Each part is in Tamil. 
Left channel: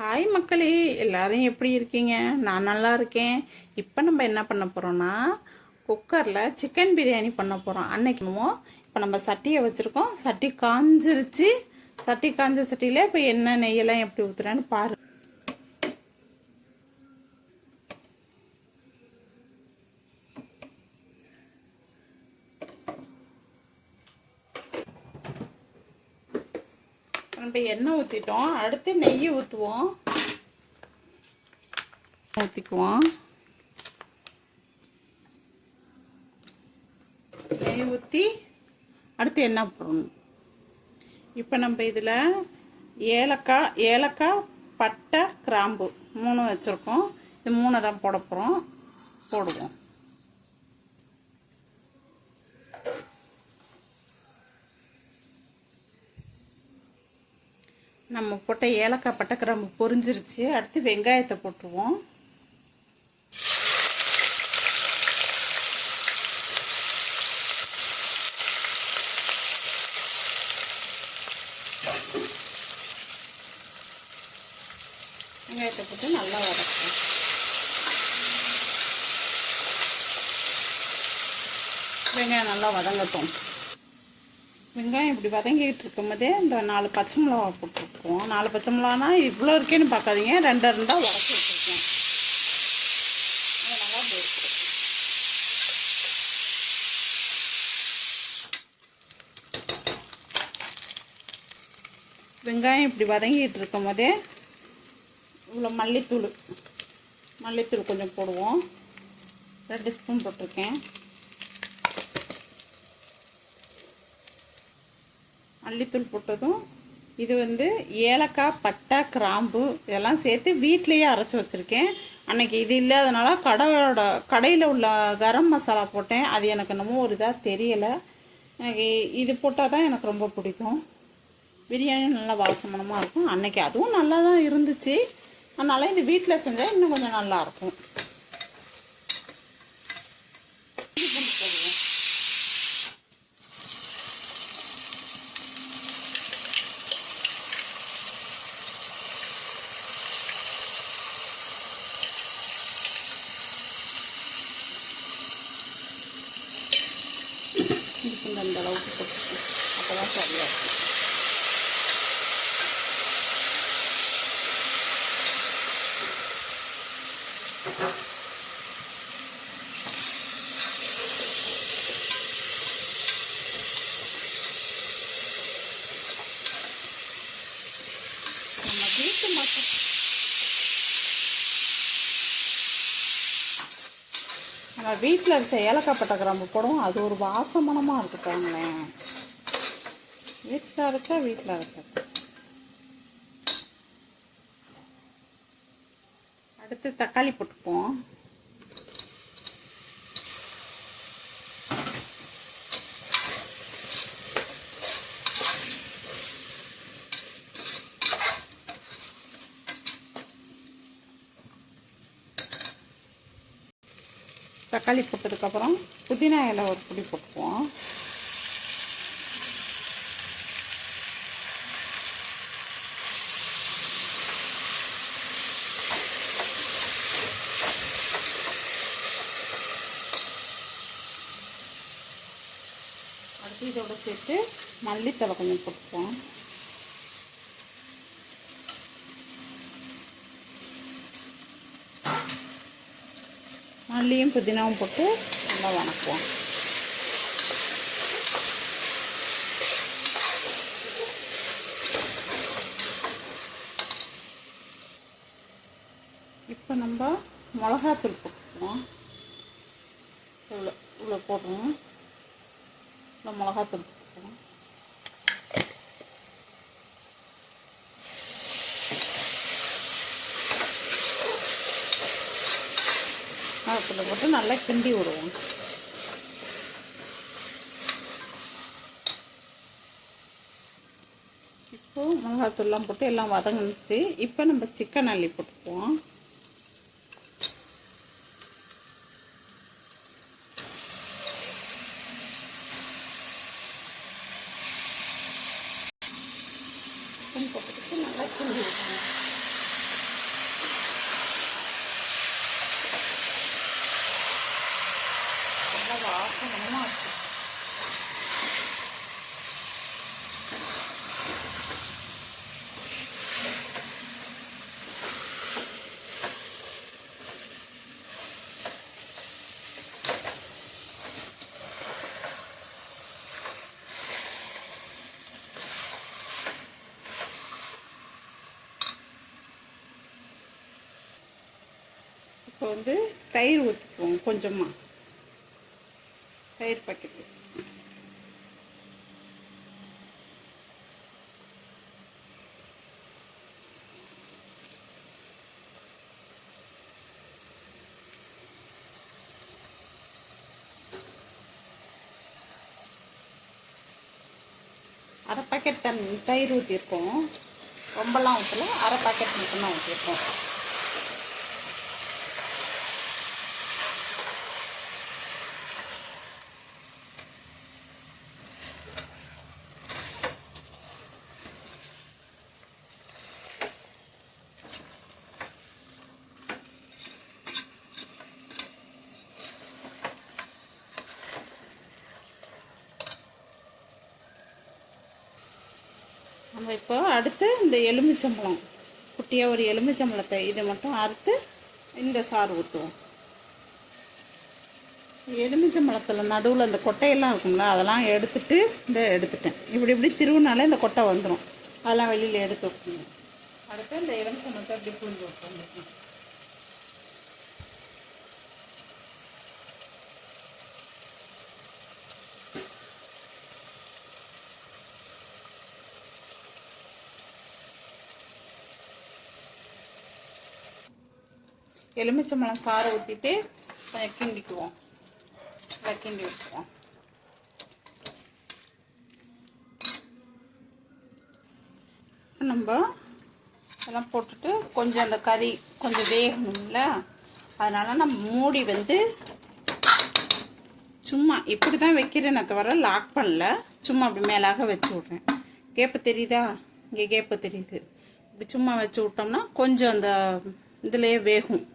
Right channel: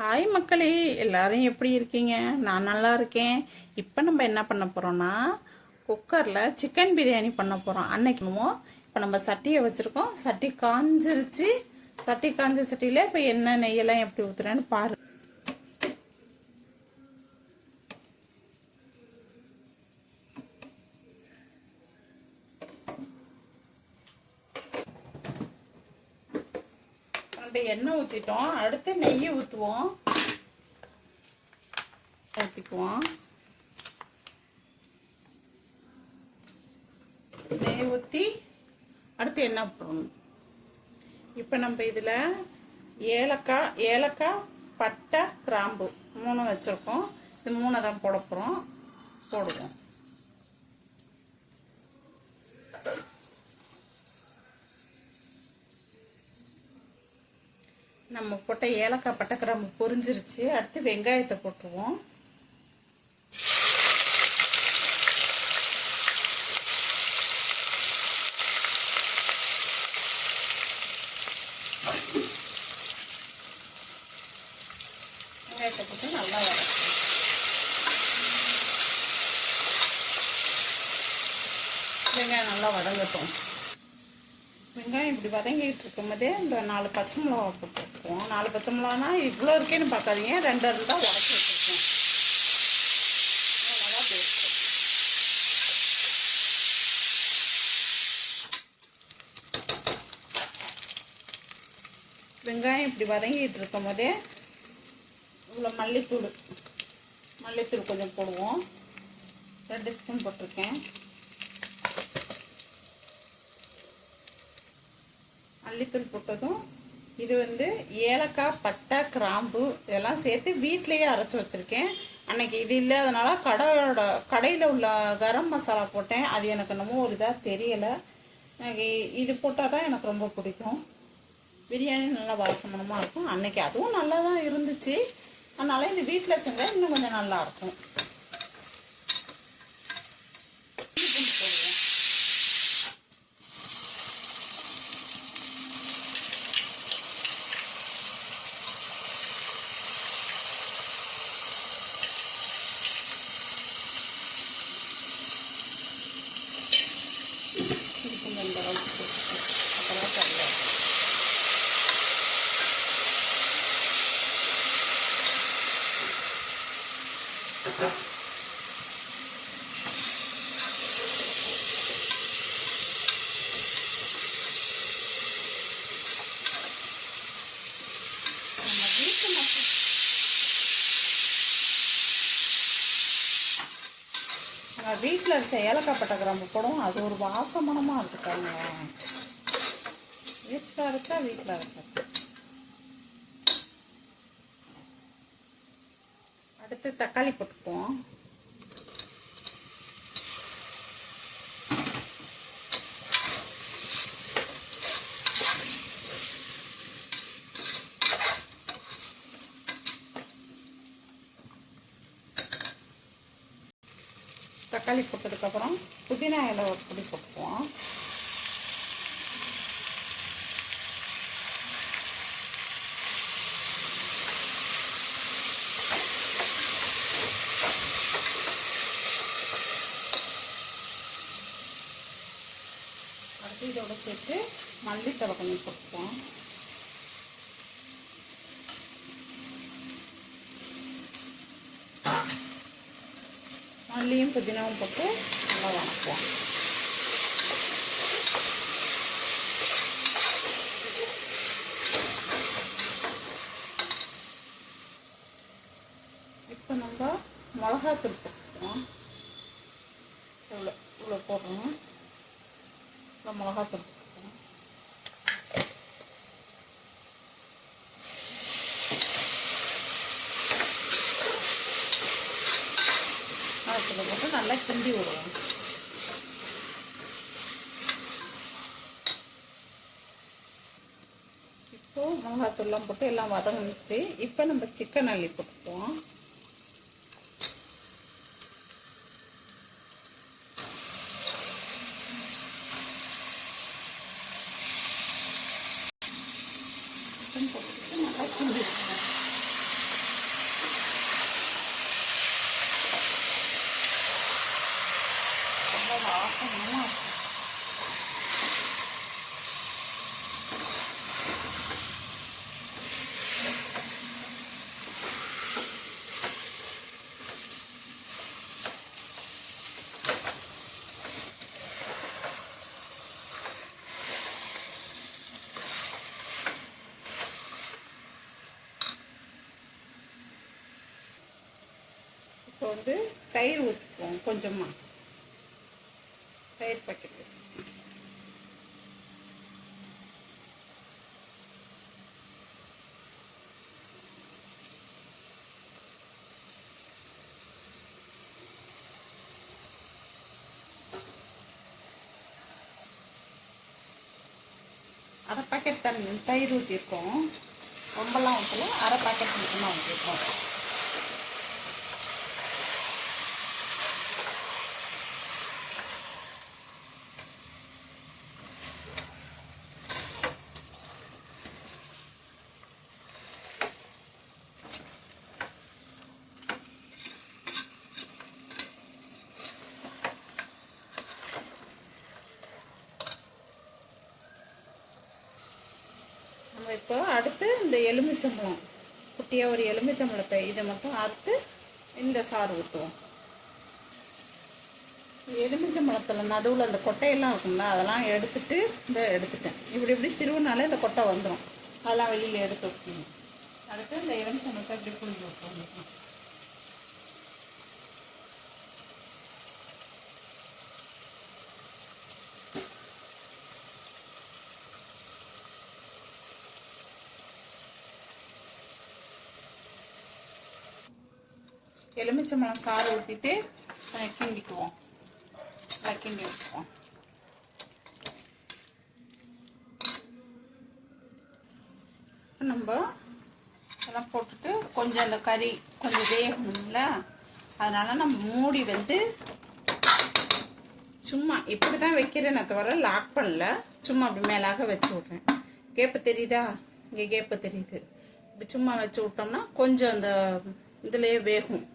ஹாய் மக்களே, எல்லாரும் எப்படி இருக்கீங்க? நான் நல்லா இருக்கேன். இப்போ நம்ம என்ன பண்ண போறோம்னா குக்கரில் சிக்கன் பிரியாணி பண்ண போகிறோம். அன்னைக்குமோ இப்போ நம்ம சட்டியை வச்சுருக்கோம். சட்டி காஞ்சிருச்சு. சட்டி காஞ்ச சட்டியில் இப்போ எண்ணெய் நெய்யெல்லாம் எப்படி ஊற்றுறேன்னு பாரு. நம்ம எண்ணெய் ஊற்றிட்டோம். அடுத்து நெய் ஊற்றுவோம். ஊற்றிக்குவோம். நெய் ஊற்றி அடுத்து எண்ணெய் போடணும். இப்போ நம்ம இதில் ஏலக்காய் பட்டை கிராம்பு 3 வச்சுருக்கோம். இது 3 தான் போட போகிறோம். போடுவோம். நம்ம போட்ட ஏலக்காய் பட்டை கிராம்பு பொரிஞ்சிருச்சு. அடுத்து வெங்காயத்தை போட்டுருவோம். வெங்காயத்தை போட்டு நல்லா வதக்கணும். வெங்காயம் நல்லா வதங்கட்டும். வெங்காயம் இப்படி வதங்கிட்டு இருக்கும் போதே இந்த 4 பச்சை மிளகா போட்டுருக்கோம். 4 பச்சை மிளகானா இவ்வளோ இருக்கேன்னு பார்க்காதீங்க, 2 இருந்தால் உடச்சி வச்சுருக்கோம். வெங்காயம் இப்படி வதங்கிட்டு இருக்கும் போதே இவ்வளோ மல்லித்தூள் கொஞ்சம் போடுவோம். 2 ஸ்பூன் போட்டிருக்கேன். மல்லித்தூள் போட்டதும் இது ஏலக்காய் பட்டை கிராம்பு இதெல்லாம் சேர்த்து வீட்லேயே அரைச்சி வச்சுருக்கேன். அன்னைக்கு இது இல்லாதனால கடையில் உள்ள கரம் மசாலா போட்டேன். அது எனக்கு என்னமோ ஒரு இதாக தெரியலை. எனக்கு இது போட்டால் தான் எனக்கு ரொம்ப பிடிக்கும். பிரியாணி நல்லா வாசமனமாக இருக்கும். அன்னைக்கு அதுவும் நல்லா தான் இருந்துச்சு. அதனால இது வீட்டில் செஞ்சால் இன்னும் கொஞ்சம் நல்லாயிருக்கும். நம்ம வீட்டில் இருக்க ஏலக்காய் பட்டை கிராம்பு போடுவோம். அது ஒரு வாசமனமாக இருக்குங்க. வீட்டில் இருக்க அடுத்து தக்காளி போட்டுப்போம். தக்காளி போட்டதுக்கப்புறம் புதினா இலை ஒரு பொடி போட்டுப்போம். அடுத்து இதோட சேர்த்து மல்லித்தழை கொஞ்சம் போட்டுப்போம். மல்லியும் புதினாவும் போட்டு நல்லா வணக்குவோம். இப்போ நம்ம மிளகாத்தூள் போட்டுக்கிறோம். இவ்வளோ போடுறோம். மிளகாத்தூள் போட்டுக்கிறோம். போட்டு நல்லா கிண்டி விடுவோம். இப்போ மிளகாத்தூள்லாம் போட்டு எல்லாம் வதங்கிச்சு. இப்போ நம்ம சிக்கன் அள்ளி போட்டுப்போம். சிக்கன் போட்டு நல்லா கிண்டி விடுவோம். இப்போ வந்து தயிர் ஊற்றிக்குவோம். கொஞ்சமாக தயிர் பாக்கெட்டு. அரை பேக்கெட் தயிர் ஊற்றிருக்கோம். ரொம்பலாம் ஊற்றல, அரை பேக்கெட் மட்டும்தான் ஊற்றிருக்கோம். நம்ம இப்போ அடுத்து இந்த எலுமிச்சம்பழம், குட்டியாக ஒரு எலுமிச்சம்பழத்தை இதை மட்டும் அறுத்து இந்த சாறு ஊற்றுவோம். எலுமிச்சம்பழத்தில் நடுவில் அந்த கொட்டையெல்லாம் இருக்குங்களா, அதெல்லாம் எடுத்துட்டு எடுத்துட்டேன். இப்படி திருவினாலே இந்த கொட்டை வந்துடும். அதெல்லாம் வெளியில் எடுத்து வைக்கணும். அடுத்து இந்த எலுமிச்சம்பழத்தை அப்படி புழிஞ்சு வைப்போம். எலுமிச்சம்பழம் சாறை ஊற்றிட்டு கிண்டிக்குவோம். கிண்டி வச்சுக்குவோம். நம்ம எல்லாம் போட்டுட்டு கொஞ்சம் அந்த கறி கொஞ்சம் வேகும்ல, அதனால நம்ம மூடி வந்து சும்மா இப்படி தான் வைக்கிறேன்னு தவிர லாக் பண்ணல. சும்மா அப்படி மேலாக வச்சு விட்றேன். கேப்பு தெரியுதா? இங்கே கேப்பு தெரியுது. இப்படி சும்மா வச்சு விட்டோம்னா கொஞ்சம் அந்த இதுலேயே வேகட்டும்.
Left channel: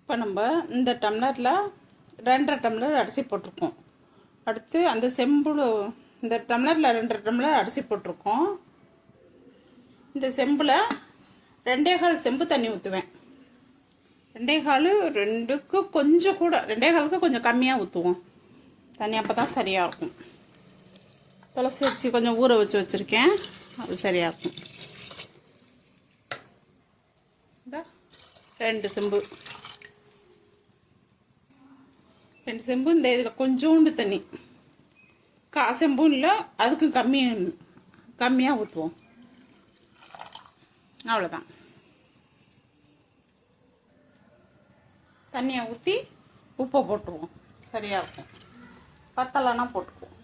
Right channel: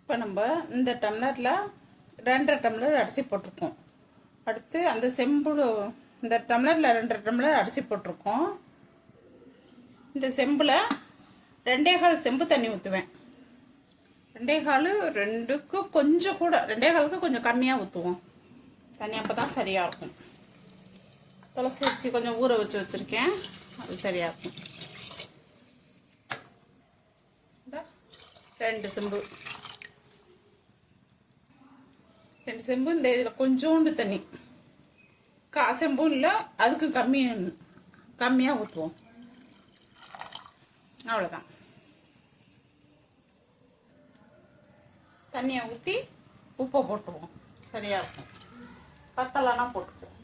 இப்போ நம்ம இந்த டம்ளரில் 2.5 டம்ளர் அரிசி போட்டிருக்கோம். அடுத்து அந்த செம்பு, இந்த டம்ளரில் 2.5 டம்ளர் அரிசி போட்டிருக்கோம். இந்த செம்பில் 2.25 செம்பு தண்ணி ஊற்றுவேன். 2.25 கொஞ்சம் கூட, 2.25 கொஞ்சம் கம்மியாக ஊற்றுவோம் தண்ணி. அப்போ தான் சரியாக இருக்கும். துளசி அரிசி கொஞ்சம் ஊற வச்சு வச்சுருக்கேன், அது சரியாக இருக்கும். 2 செம்பு இந்த இதில் கொஞ்சோண்டு தண்ணி, செம்பும் இல்லை அதுக்கு கம்மியாக ஊற்றுவோம். அவ்வளோதான். தண்ணியை ஊற்றி உப்பை போட்டுருவோம். சரியாக இருக்கும். பத்தலைன்னா போட்டுக்குவோம்.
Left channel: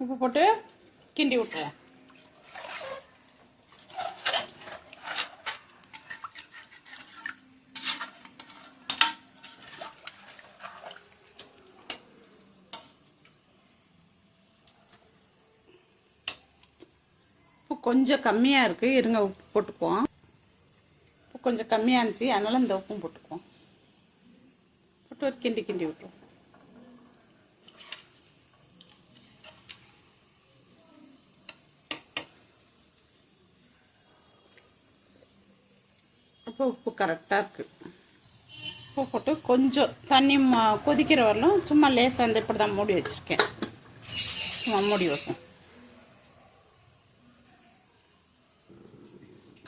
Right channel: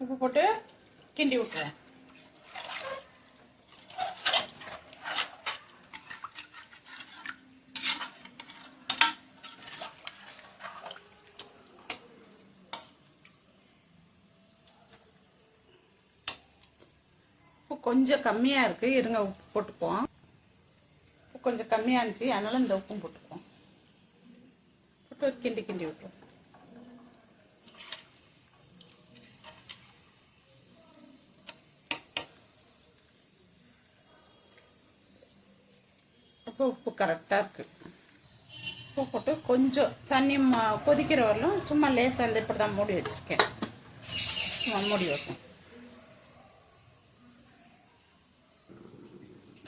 உப்பு போட்டு கிண்டி விட்டுருவோம். கொஞ்சம் கம்மியாக இருக்குது, இருங்க உப்பு போட்டுக்குவோம். கொஞ்சம் கம்மியாக இருந்துச்சு, அதனால இந்த உப்பும் போட்டுக்குவோம். போட்டு ஒரு கிண்டி விட்டுருவோம். அப்போ உப்பு கரெக்டாக இருக்குது. உப்பு போட்டு கொஞ்சம் தண்ணி கொதிக்கிற வரலும் சும்மா லேசாக வந்து இப்படி தான் மூடி வச்சுருக்கேன். சும்மா மூடி வைப்போம்.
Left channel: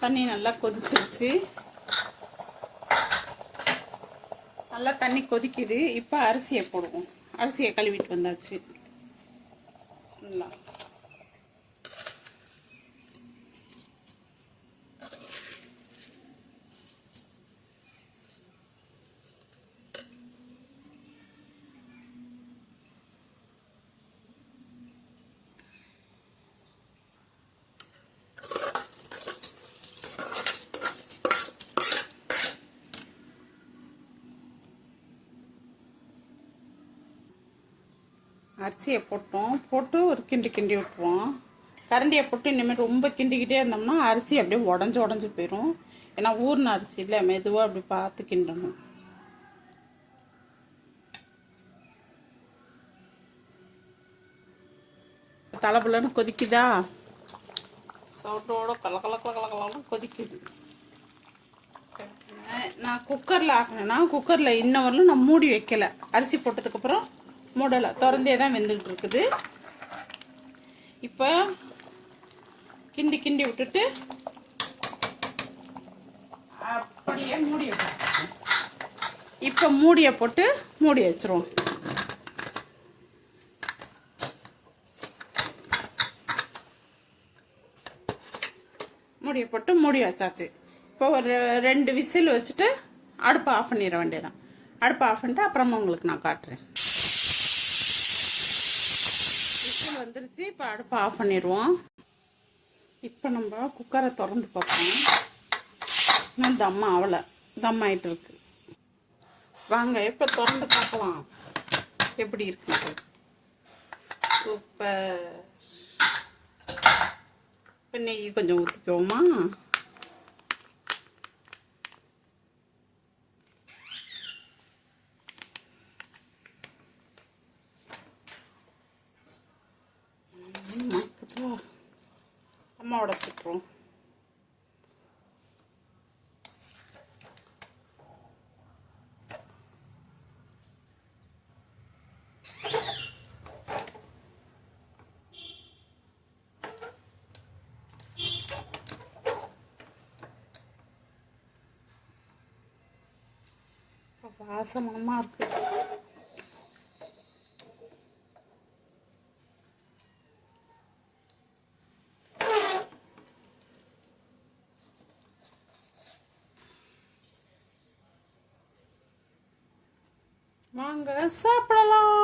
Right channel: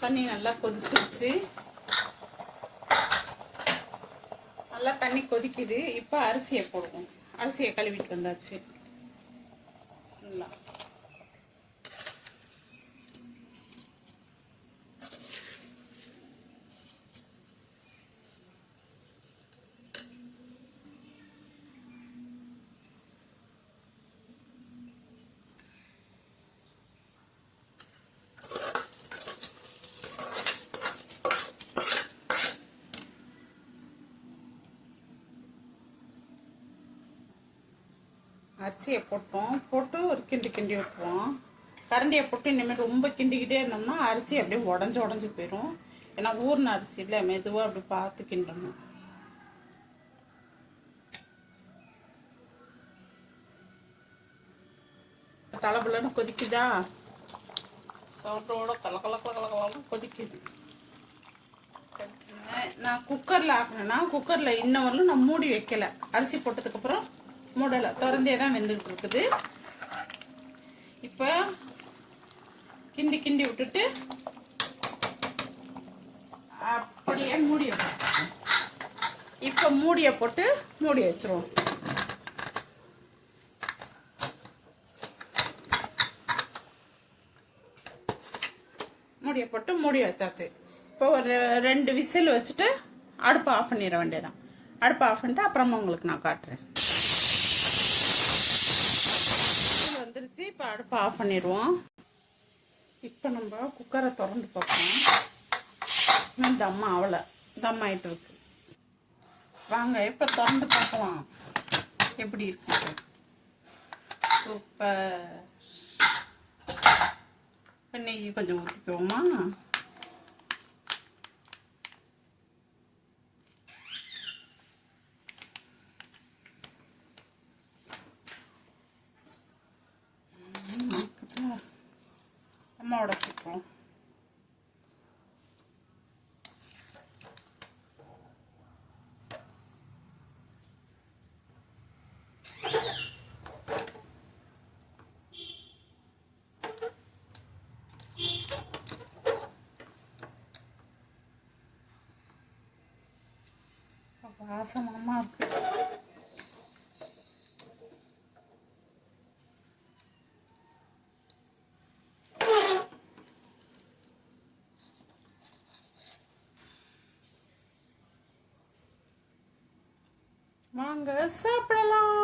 தண்ணி நல்லா கொதிச்சிருச்சு. நல்லா தண்ணி கொதிக்குது. இப்போ அரிசியை போடுவோம். அரிசியை கழுவிட்டு வந்தாச்சு. அரிசியை போட்டு ஒரு கிண்டி விட்டுருவோம். கரண்டியை போட்டு இனிமேல் ரொம்ப கிண்டிக்கிட்டே இருந்தோம்னா அரிசி அப்படியே உடஞ்சி போயிடும். ஏன்னா ஊர்ன அரிசி இல்லை, மெதுவாக அப்படி பார்த்து கிண்டணும். தலபலன்னு கொதிக்குதா, சோட்டோட கொதிக்குது. நான் குக்கரில் ஆக்கினேன்னா குக்கரில் இன்ன வரலும் நான் மூடி வைக்கல. அரிசி போட்டதுக்கப்புறம் மூடலை, திறந்தே தான் வெந்துட்டு இருக்குது. இப்போ கிண்டி கிண்டி விட்டுட்டு அப்படியே மூடிய இப்போ மூடிய போட்டு மூடி வச்சிருவோம். மூடிய போட்டு மூடி வச்சாச்சு. இப்போ ஒரு 2 விசில் வச்சுட்டு அடுப்பை ஆஃப் பண்ணிட வேண்டியதான். அடுப்பை ஆஃப் பண்ணிட்டு அப்புறமா உங்களுக்கு நான் காட்டுறேன். விசில் வந்துருச்சு. இப்போ அடுப்பை ஆஃப் பண்ணிடுவோம். இப்போ நம்ம குக்கரை திறந்து பார்ப்போம். இன்னும் தம் ஆகலை, தம் ஆகிட்டு இருக்கு. வாங்க இப்போ திறந்து பார்க்கலாம் எப்படி இருக்கு. சூப்பர். இப்போ நெய் கொஞ்சம் ஊற்றிக்குவோமா. அம்மாவோட சுற்றுறோம். வாசனமா இருக்கு. வாங்க சாப்பிடலாம்.